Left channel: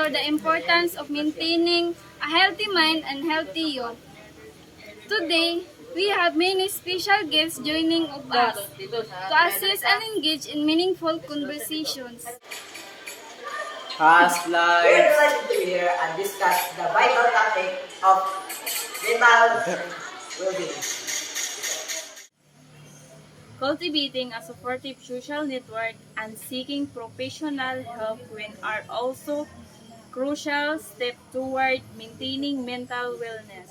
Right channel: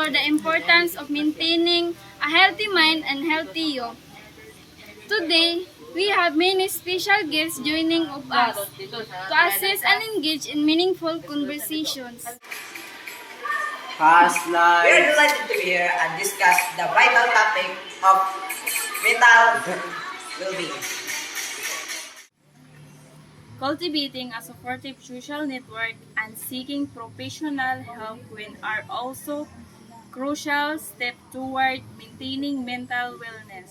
explore the importance of maintaining a healthy mind and healthy you. Today, we have many special guests joining of us to assist and engage in meaningful conversations. Past We are lives. delighted to hear and discuss the vital topic of mental well-being. Cultivating a supportive social network and seeking professional help when are also crucial steps toward maintaining mental wellness.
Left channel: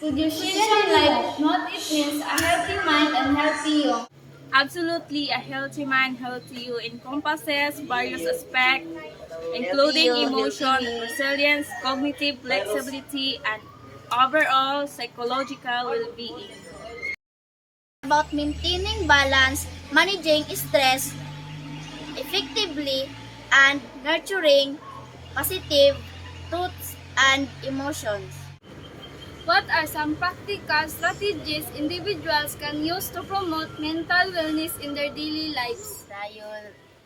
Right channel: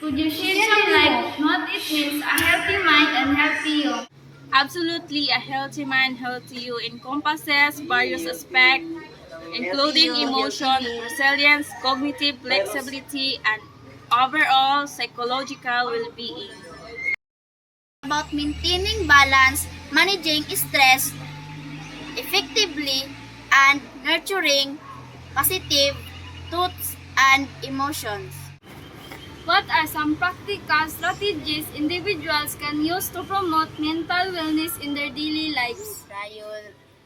Could you share some light on what it means a healthy mind and healthy you? Absolutely, a healthy mind, healthy you encompasses various aspects, including emotion, resilience, cognitive flexibility, and overall psychological well-being. About maintaining balance, managing stress effectively, and nurturing positive thoughts and emotions. What are some practical strategies individuals can use to promote mental wellness in their daily lives?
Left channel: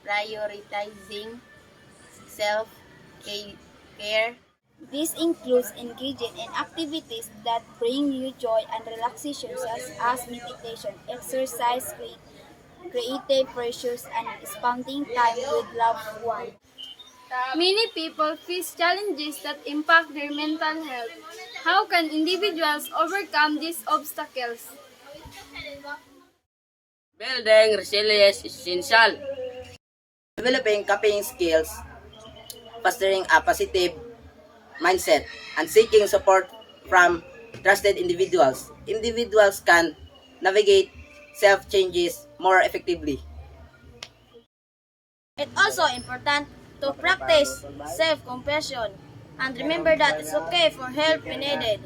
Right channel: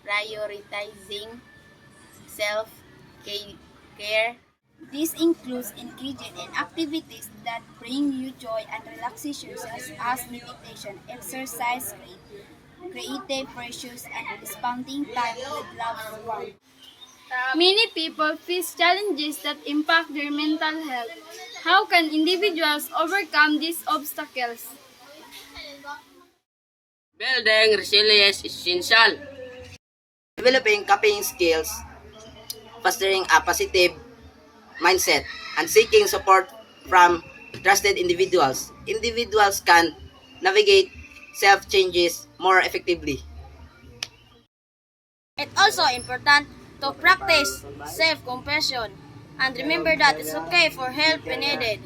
Prioritizing self-care. This includes engaging in activities that bring you joy and relaxation such as meditation, exercise, creative pursuits, and spending time with loved ones. Many people face challenges that impact their mental health. How can individuals overcome these obstacles? Building resilience is essential. Developing coping skills, fostering a positive mindset, and seeking support from trusted individuals. Individuals can navigate self-changes more effectively. It's also important to practice self-compassion and remember that it's okay for help when needed.